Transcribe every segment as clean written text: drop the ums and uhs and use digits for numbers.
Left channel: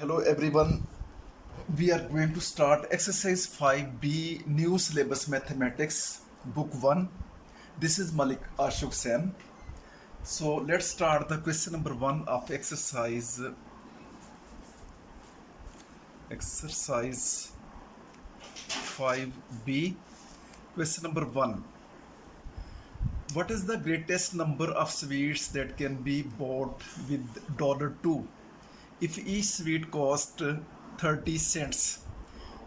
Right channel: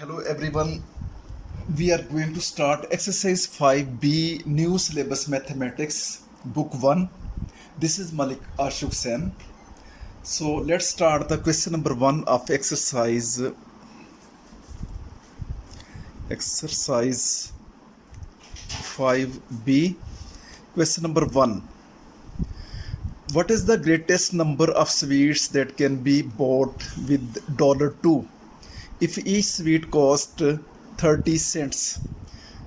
Hello everyone. We are going to start exercise 5B new syllabus mathematics book 1. This is Malik Ashok Sen. So let's start the question number 1 of exercise 5B. Question number 1. What is the greatest number of sweets that can be bought with $2 if each sweet cost 30 cents?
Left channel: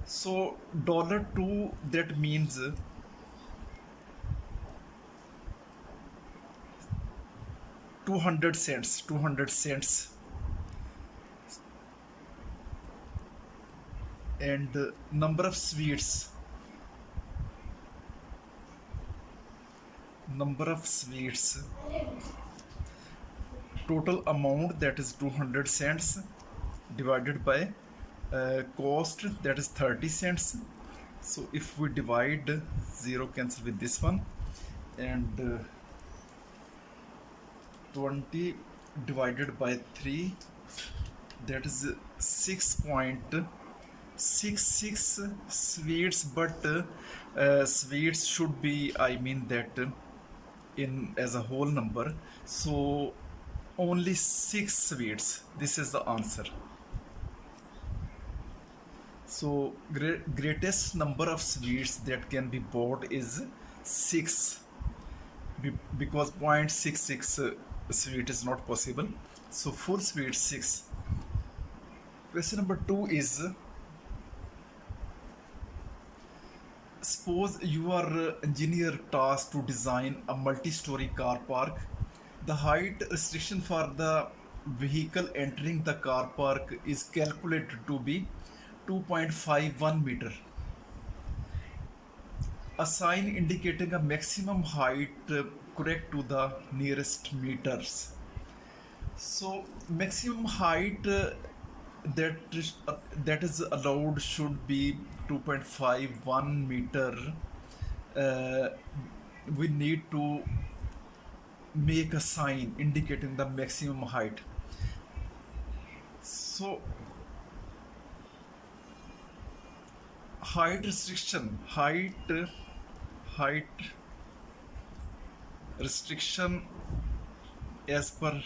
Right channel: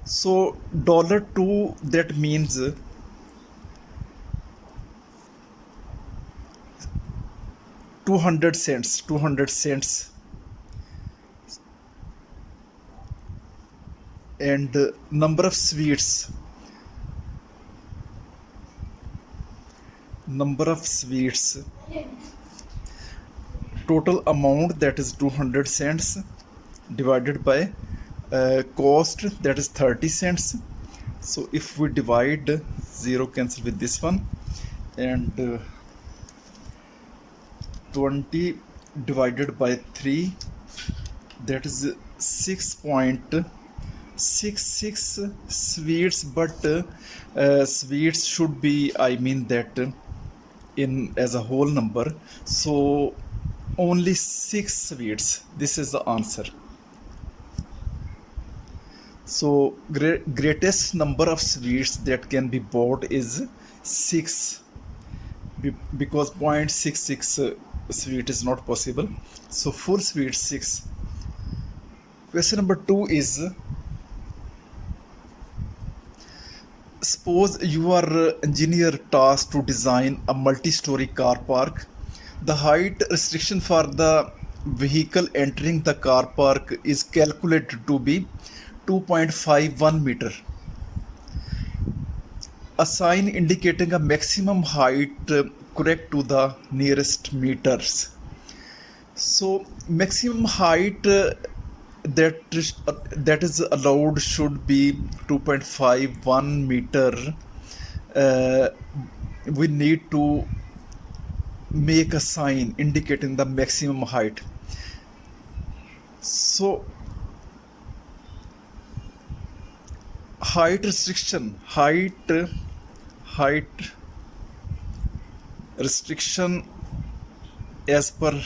So $2, that means 200 cents, and number of sweets total amount, that is 200 cents, divided by cost, that is 30 cents. So if we divide, 0 cancel with this one, and 20 divided by 3, that is 6.66 sweets. But sweets should be, in as a whole number, so only 6 sweets. This is the answer. So greatest number of sweets that can be bought is 6, because 0.66 sweet is not possible. So full sweet 6. Question number 2 is, suppose you are engineer tasked to design a multi-story car park. The height restriction for the vehicle entering the car park is calculated to be 2.51 meter. A sign indicating a maximum height correct to the nearest meters. So maximum height that is allowed should be 2.51 meter. We need to make a sign indicating the maximum height. So height restriction as per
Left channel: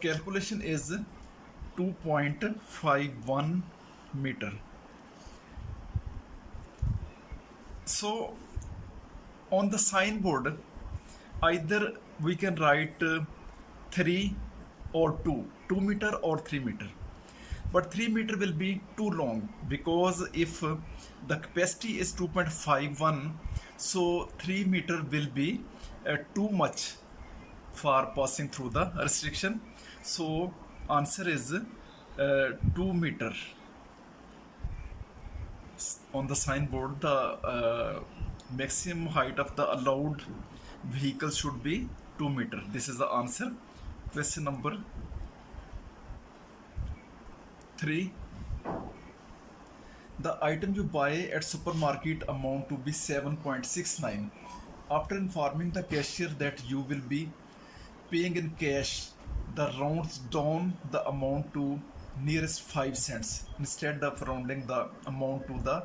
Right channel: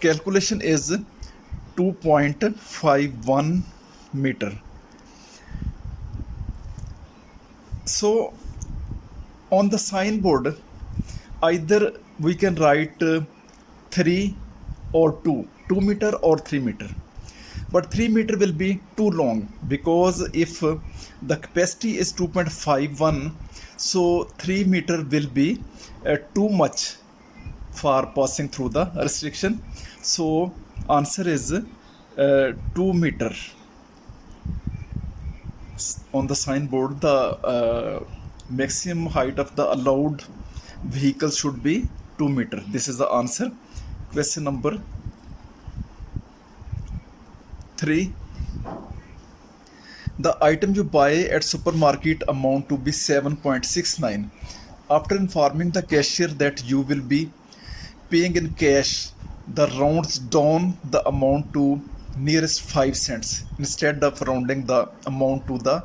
calculation is 2.51 meter. So on the signboard, either we can write 3 or 2 meter or 3 meter. But 3 meter will be too long, because if the capacity is 2.51, so 3 meter will be too much for passing through the restriction. So answer is 2 meter. On the signboard, the maximum height of the allowed vehicle should be 2 meter. This is the answer. Question number 3. The item you buy at supermarket amount to be 7.69. After informing the cashier that you will be paying in cash, the rounds down the amount to nearest 5 cents instead of rounding the amount to the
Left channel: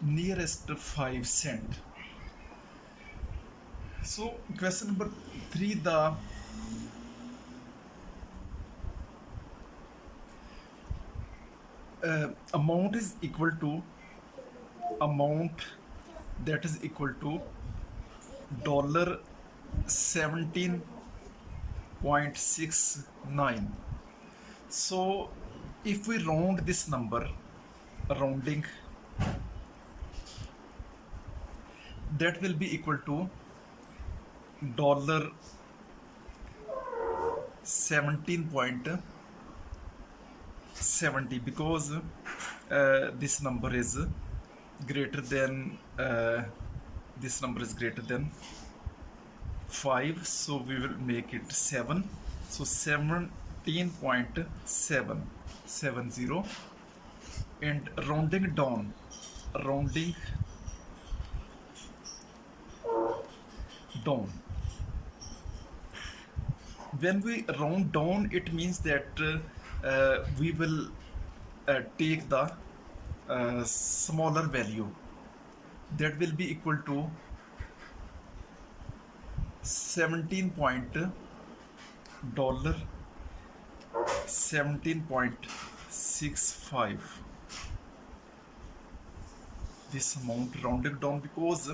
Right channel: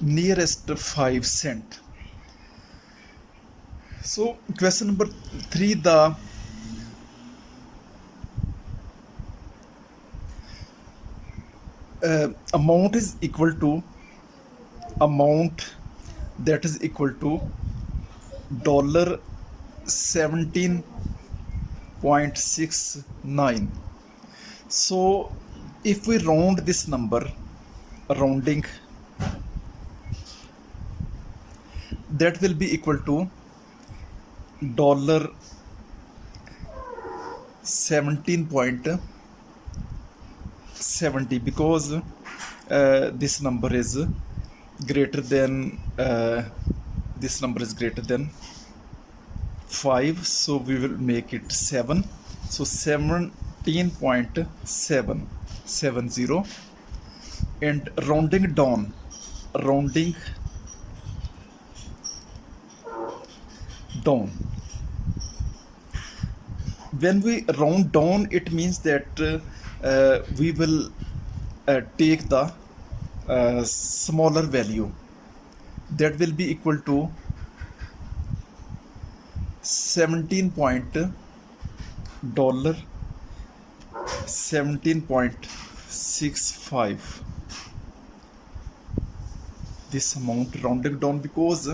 nearest 5 cent. So question number 3, the amount is equal to $17.69. So if we round this number, rounding, that will be equal to $17.70, because this number is greater than 5, so we will make it 7. So 17.770, and rounding down, when we round down, it means that we will take the smaller value, that will be equal to 17 point dollar 17.65, this amount rounded down, because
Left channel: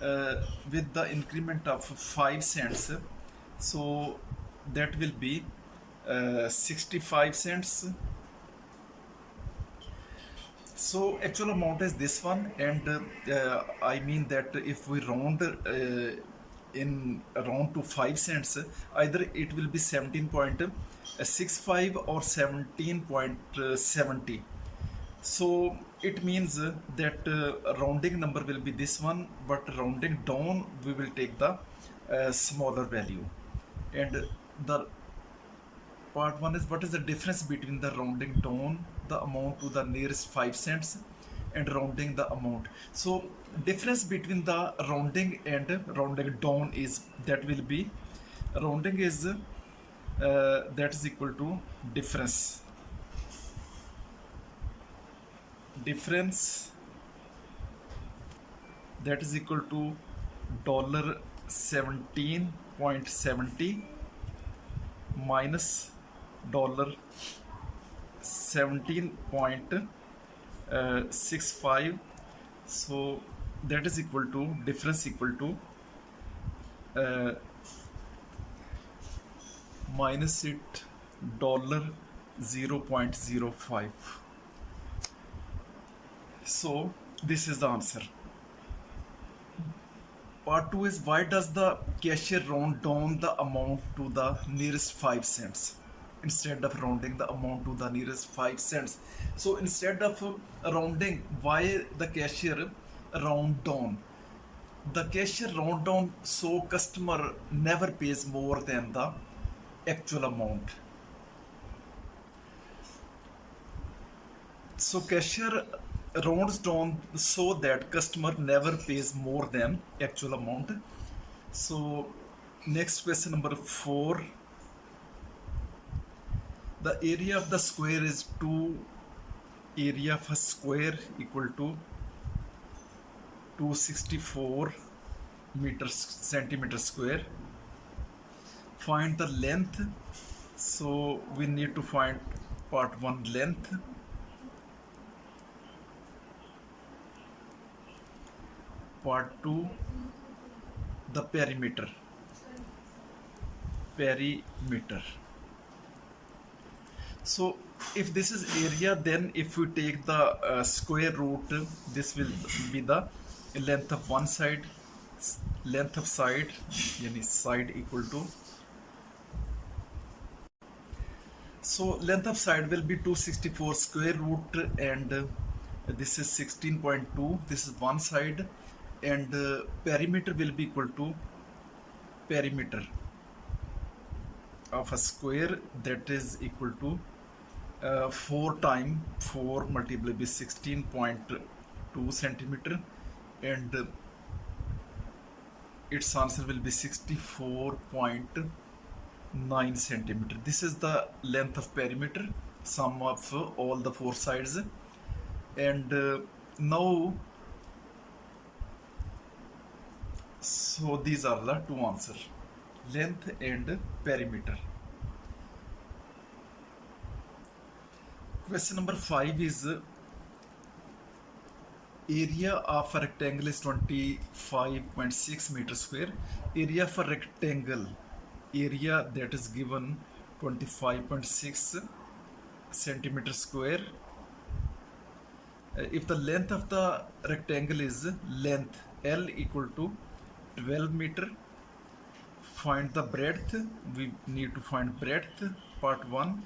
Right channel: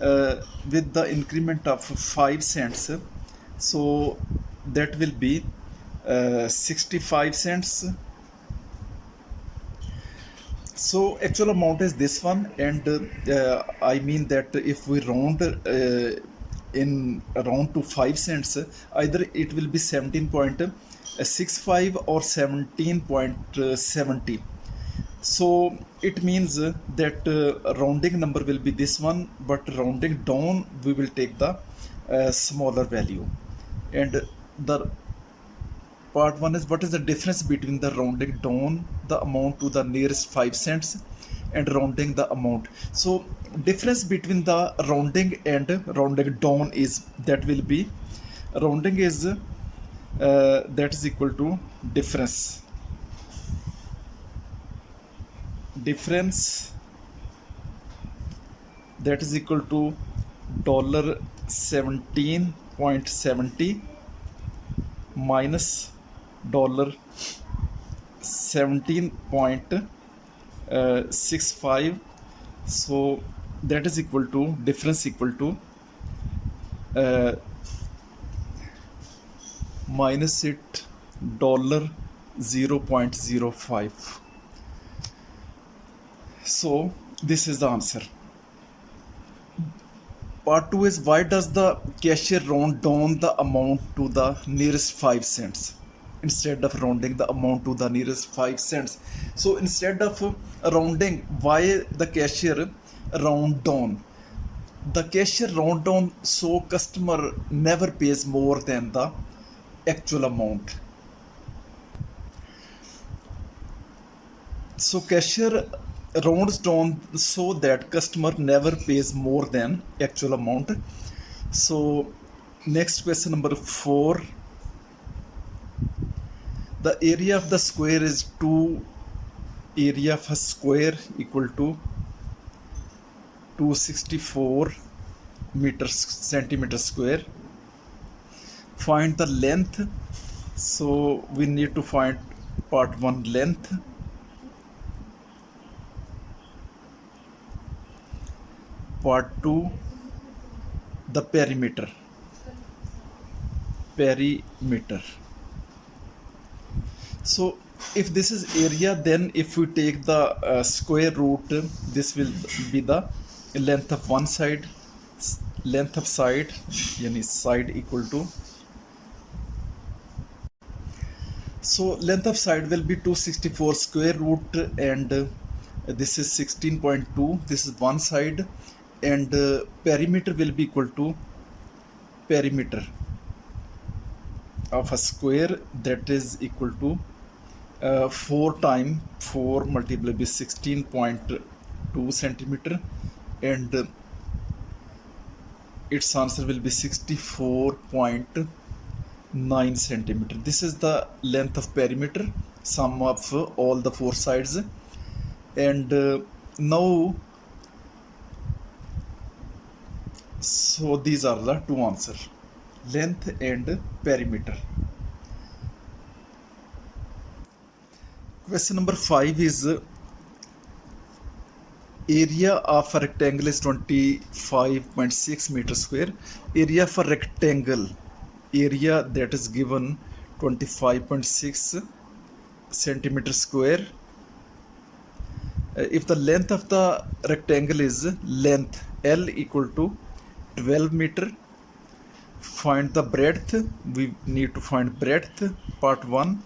with the increment of 5 cents, so that will be 65 cents. So actual amount is this one, and I mean that if we round in around to 5 cents, either it will be 17.65 or 17.70. So it means that rounding number will be this one, but rounding down we will take the smaller value. And the part one is, what is the difference between the rounding down the amount to the nearest 5 cents and rounding the amount? So difference between the rounding and rounding down is, that will be, rounding is that is equal to difference that is equal to $17.70 minus $17.65. So that is equal to, difference equal to minus it $0.05. So this is the answer. Part 2 is, why does the cashier round down the amount to the nearest 5 cents instead of rounding the amount to the nearest 5 cents? So instead of rounding, why the cashier round down? The cashier round down so customer never pays more than the actual amount. So cashier rounds down so that customer never pays more than actual amount. So next question, number 4. The area of the square is 2 area of a square equal to 264 centimeters square. Find the length. So we need to find part 1 length. Part 2 the perimeter. So if this is area, then if we take the square root, this will be the length of one side, length of side, yani side equal to, so length of side will be 264 square root, and this is 16.2, this is one side, and perimeter will be equal to perimeter of a square, that is equal to 4 times 4 multiplied by 16.2 centimeter, and its answer will be 64.9 centimeter. This is the length of perimeter, sum of all the 4 sides. And now, so these are the 2 answers, length and perimeter. Question number 5 is, area of a rectangle is 25.6 meters square. Area for rectangle, area that is given 25.6 centimeters square. If the length of the rectangle is length L equal to 12 meter, find the breadth. We need to find breadth, part 1,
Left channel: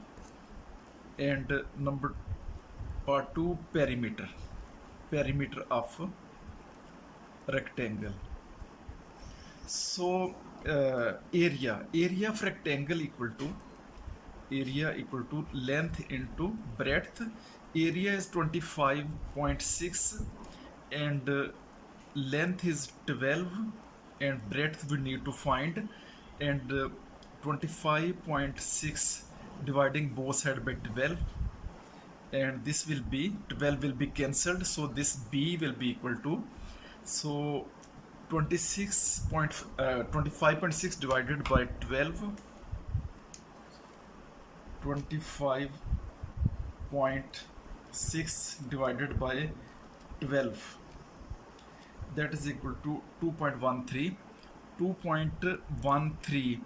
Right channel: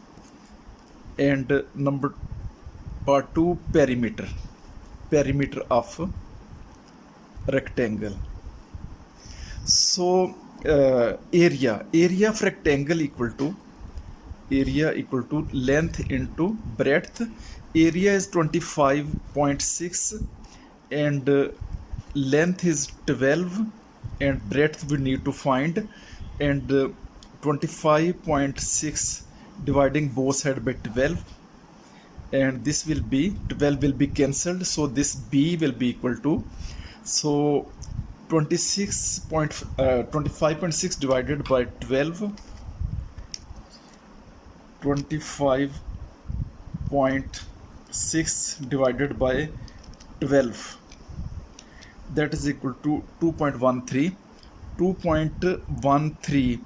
and number part 2 perimeter of rectangle. So area of rectangle equal to length into breadth. Area is 25.6 and length is 12, and breadth we need to find, and 25.6 dividing both sides by 12, and this will be 12 will be cancelled, so this b will be equal to, so 25.6 divided by 12, 25.6 divided by 12, that is equal to 2.13. 2.13,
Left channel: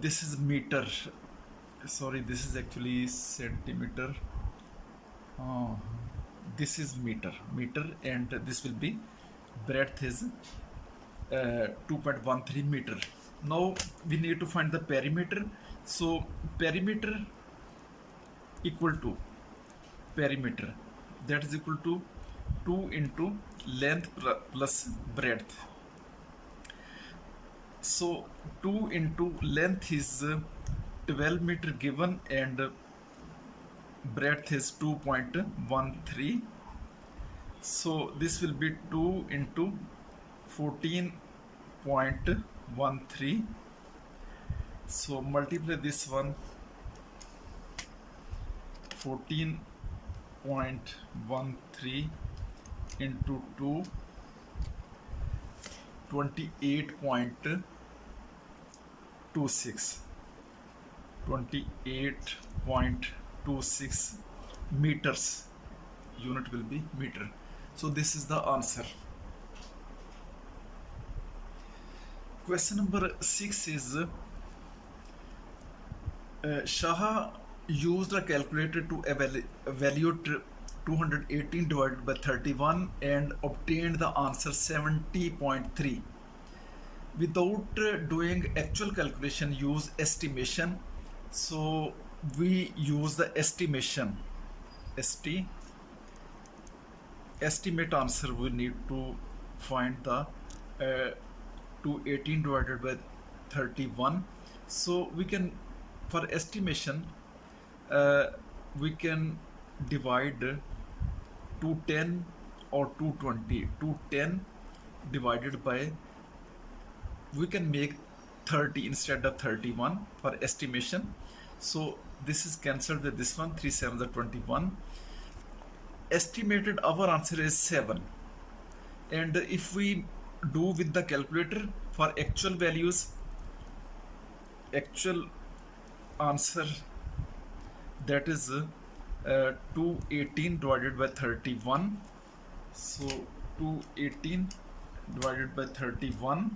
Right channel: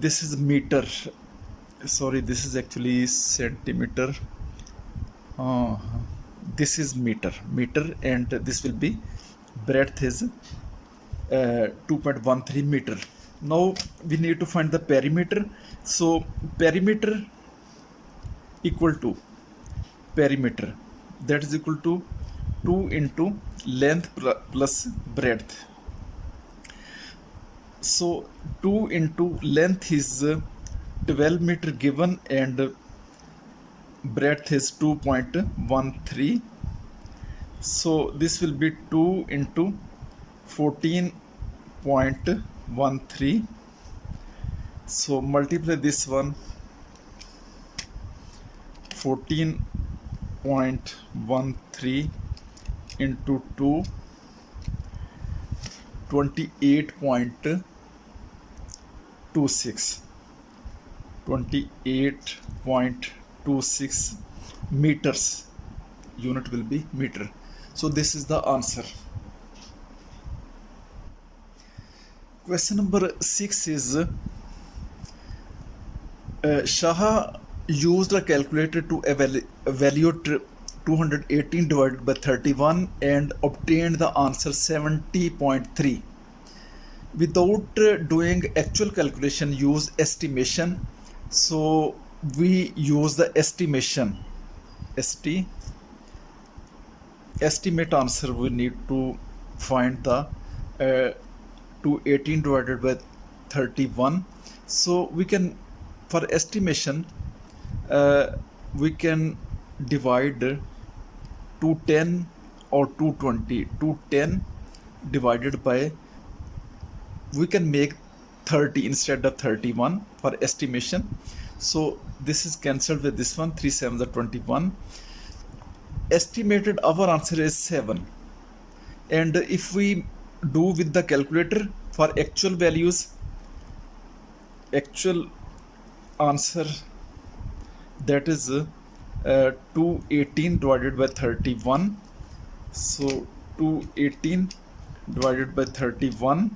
this is meter, sorry, this is actually centimeter, this is meter, and this will be breadth is 2.13 meter. Now we need to find the perimeter. So perimeter equal to perimeter, that is equal to 2 into length plus breadth. So 2 into length is 12 meter given, and breadth is 2.13. So this will be 2 into 14.13. So multiply this one, 14.13 into 2, 28.26, 28.26 meters. Unit will be meter. So this is the answer. Question number 6 is Shah used a calculator to evaluate 218 divided by 31 and obtained the answer 70.3. Without doing actual calculation, use estimation. So we use the estimation. Estimate answer, we need to find the 218 divided by 31. So we can, for estimation, we can divide 210 or 220. 210 divided by, we can make 30 instead of 31 for estimation. So this is cancelled with this one, 3 7 are 21. Estimated our answer is 7, and if we do with the calculator for actual values, actual answer, that is 218 divided by 31. So 218 divided by 31,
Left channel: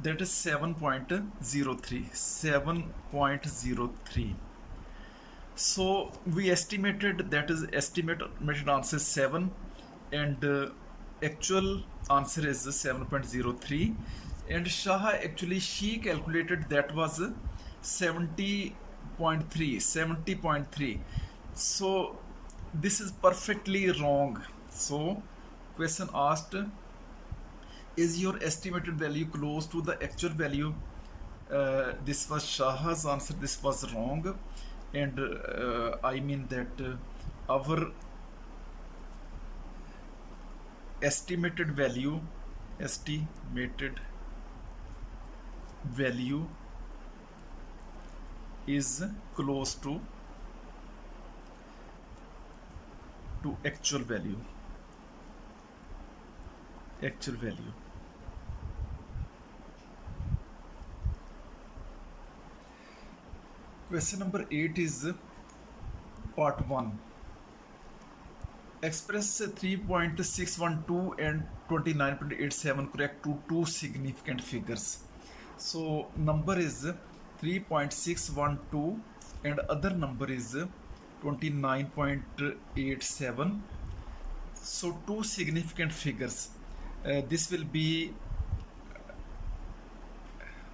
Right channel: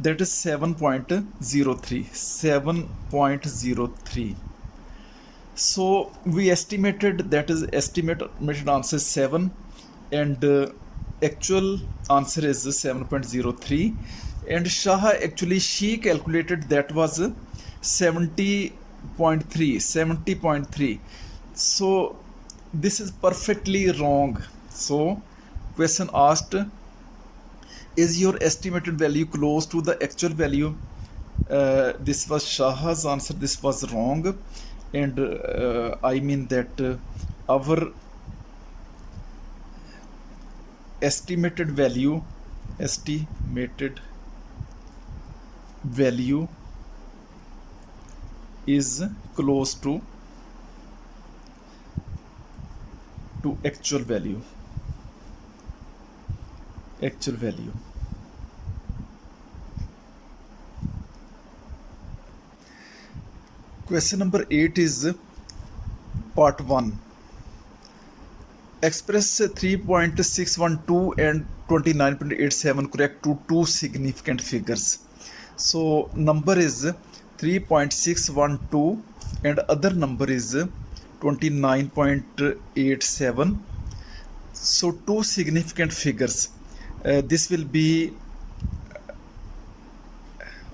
that is 7.03. 7.03. So we estimated, that is estimated answer is 7, and actual answer is 7.03. and Shah actually, she calculated that was 70.3. So this is perfectly wrong. So question asked, is your estimated value close to the actual value? This was Shah's answer, this was wrong, and I mean that our estimated value is close to actual value. Question number 8 is part 1. Express 3.612 and 29.87 correct to two significant figures. So number is 3.612 and other number is 29.87. So two significant figures. This will be,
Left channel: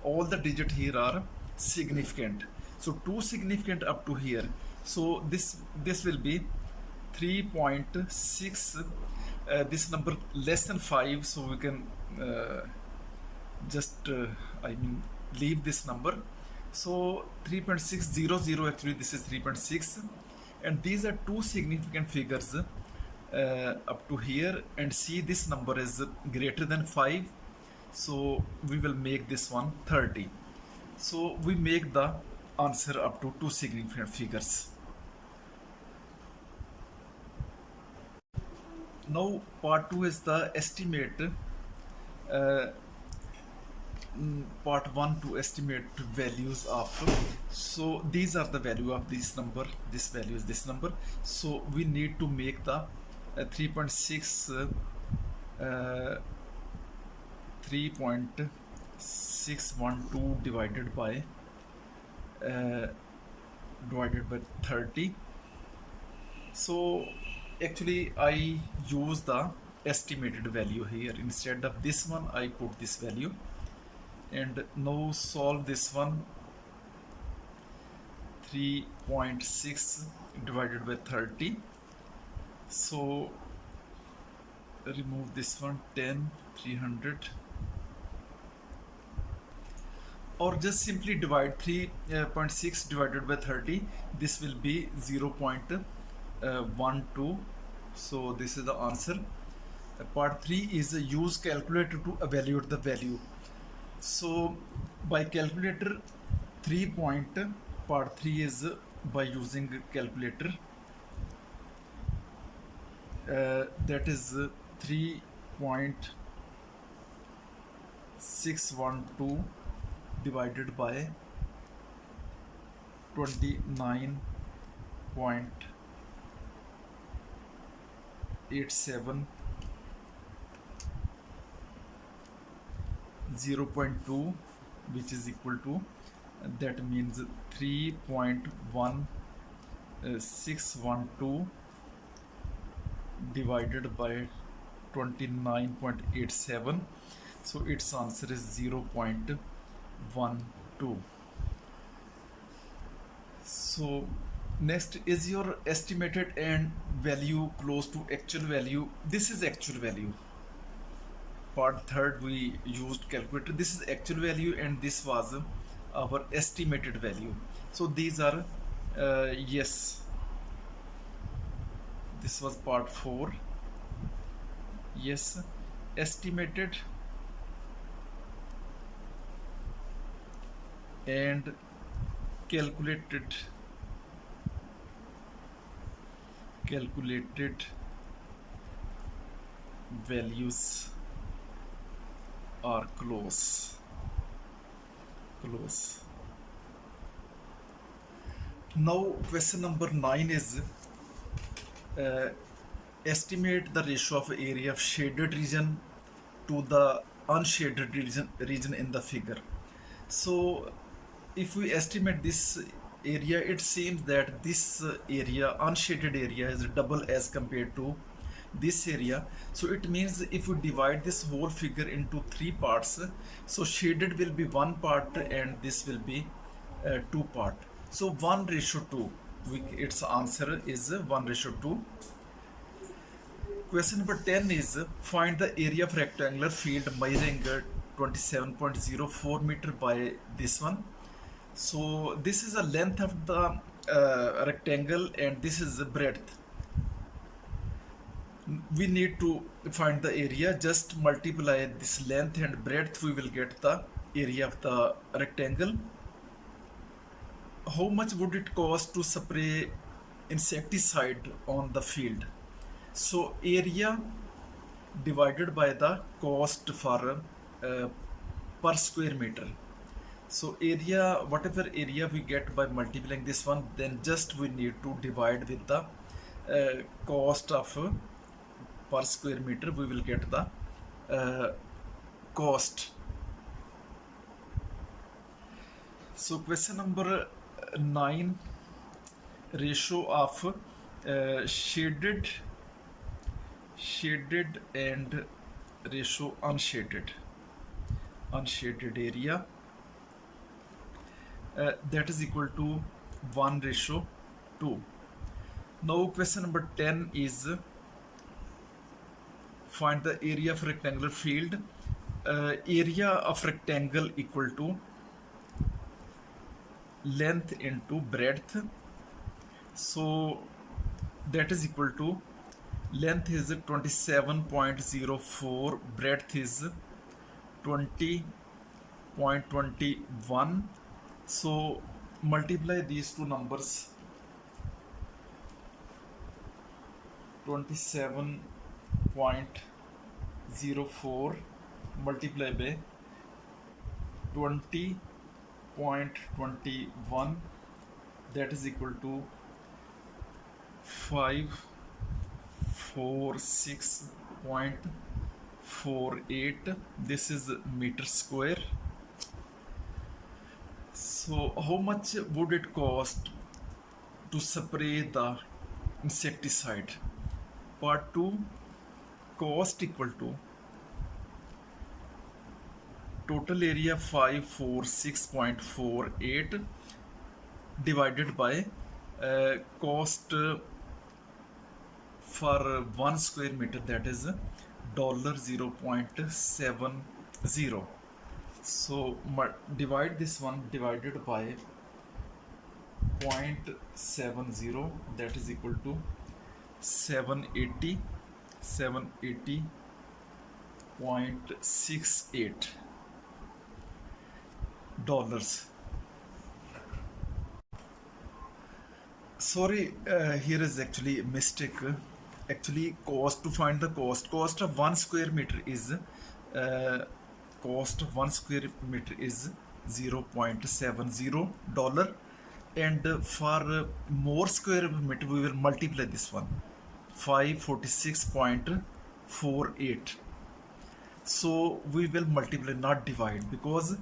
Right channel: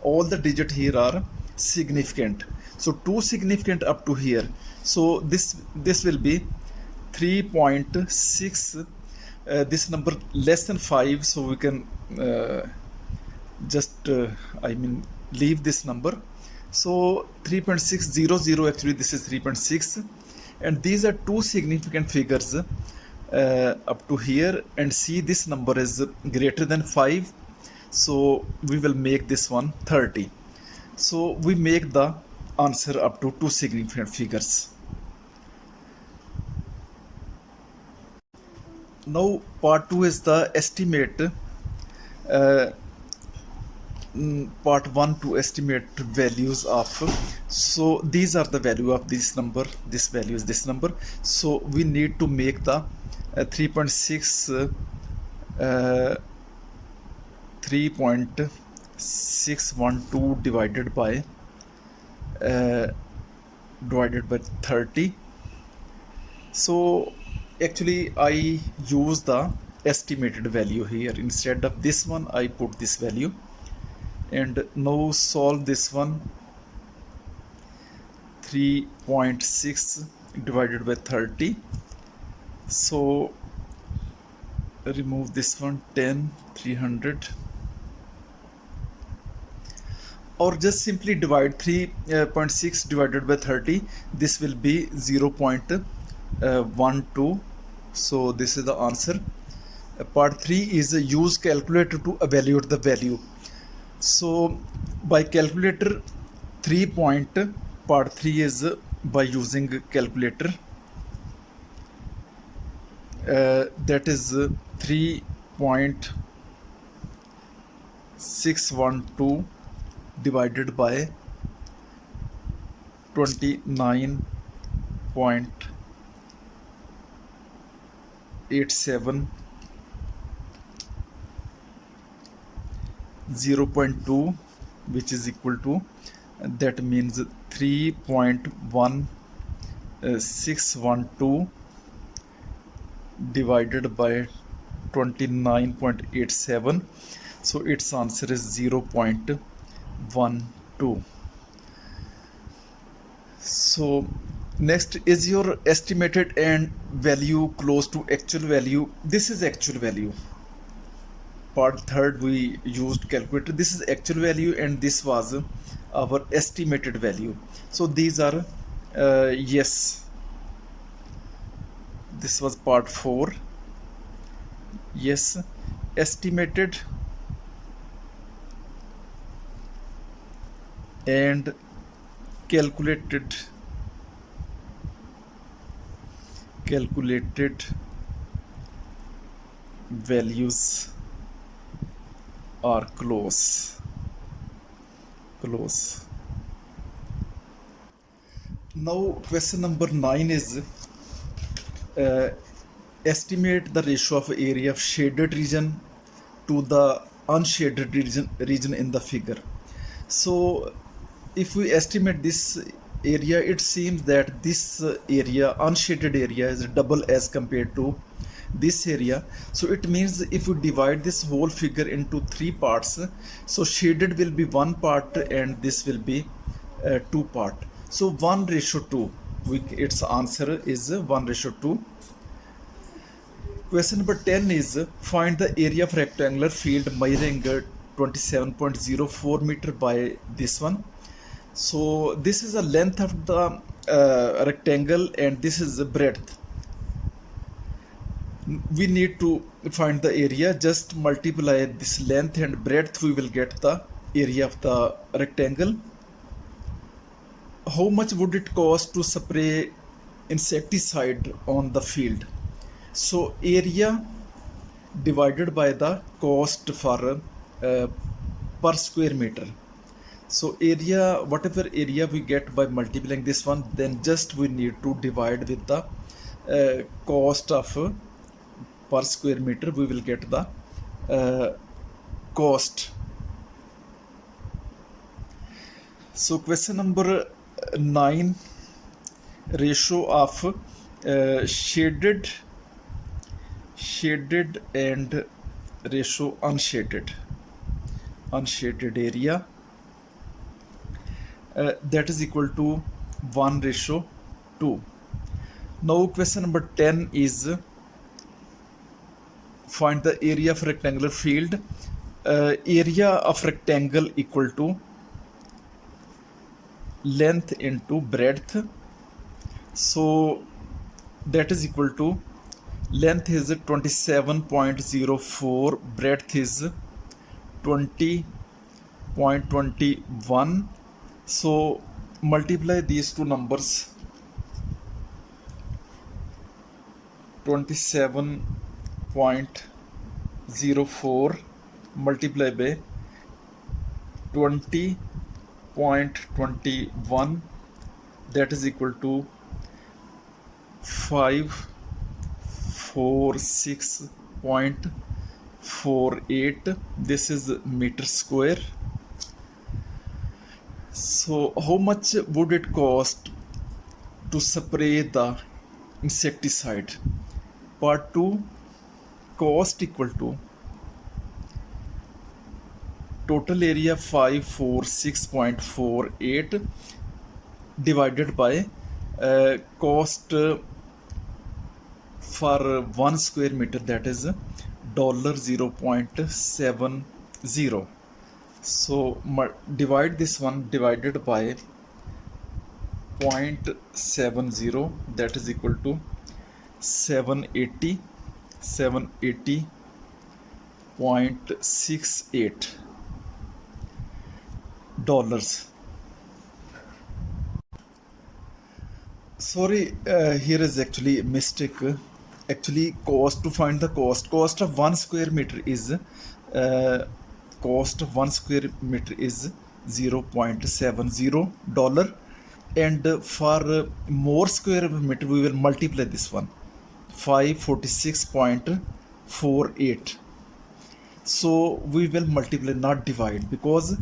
all the digits here are significant. So two significant up to here. So this will be 3.6. This number less than 5. So we can just leave this number. So 3.600, actually this is 3.6, and these are two significant figures up to here, and see this number is greater than 5, so we will make this one 30. So we make the answer up to two significant figures. Now part 2 is the estimate. Part 1 to estimate values of, so these are the value of this number, this value is this number, so we need to make the 3.6 3.612 divided by 30. So actually I use the estimated value here. Instead of this one I put this value, and now solve this one. 3.6 divided by 30, so remove this one, 10, 300, or just simply divide 3.6 divided by 30. This will be 0.12. So this is the answer. Part 3 is use calculator to evaluate the value. So by calculator, part 3 is by using calculator, that is 3.612 divided by 29.87, 0.2, which is equal to, that means 3.1612 divided by 29.87, so its answer is 0.12. So next is your estimated and value close to actual value. This is actual value. Part 3rd we used calculator. This is actual value and this was our estimated value. So these are yes, this was part 4. Yes, estimated and calculated values are close. Now question number 9 is estimate the ratio of area of shaded region to the unshaded region in the figure. So if we estimate this area, it seems that this area, unshaded area, is double as compared to this area. So it means if we divide this whole figure into 3 parts, so shaded will be 1 part and this will be 2 part. So 1:2, its answer is 1:2. Question number 10 is find the area of rectangular field measuring 27.04 meter by this one. So this is the length of the rectangle and this is the breadth. We need to find the area. Just multiply this length and breadth, we will get the area of the rectangle. How much would it cost to spray insecticide on the field? So area divided by the cost for per square meter. So area, whatever area we get by multiplying this one, then just we need to divide with the cost of per square meter. We will get the cost. So question number 9, ratio of shaded and ratio unshaded area, that is equal to 1:2. Now question number 10 is find the area of rectangular field. Area of rectangle equal to length into breadth. So that is equal to, length is 27.04, breadth is 20.21, So multiply these two numbers, 27.04 multiply by 20.21, that is equal to 546.48. This is meter square. So how much would it cost to spray the insecticide? Part 2, cost equal to total area 546.48 divided by cost for 1 square meter, that is $0.70. So divide this one divided by 0.70, that is equal to 780.68 dollars. Sorry, here is actually a mistake. Actually, cost, to find the cost of 1 square meter is cost of 1 square meter is $0.70, and for more square meter we will multiply this one, 546.48. So we will multiply, not divide, because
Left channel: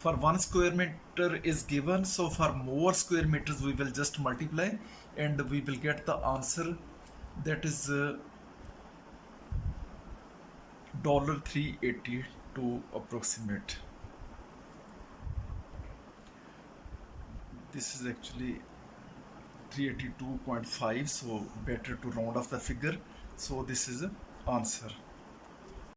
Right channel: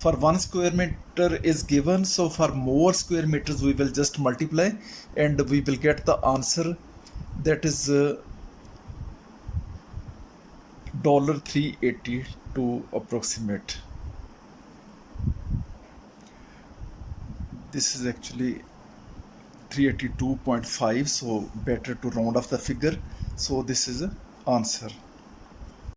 for 1 square meter is given, so for more square meters we will just multiply and we will get the answer, that is $3.80 to approximate. This is actually 382.5, so better to round off the figure. So this is the answer.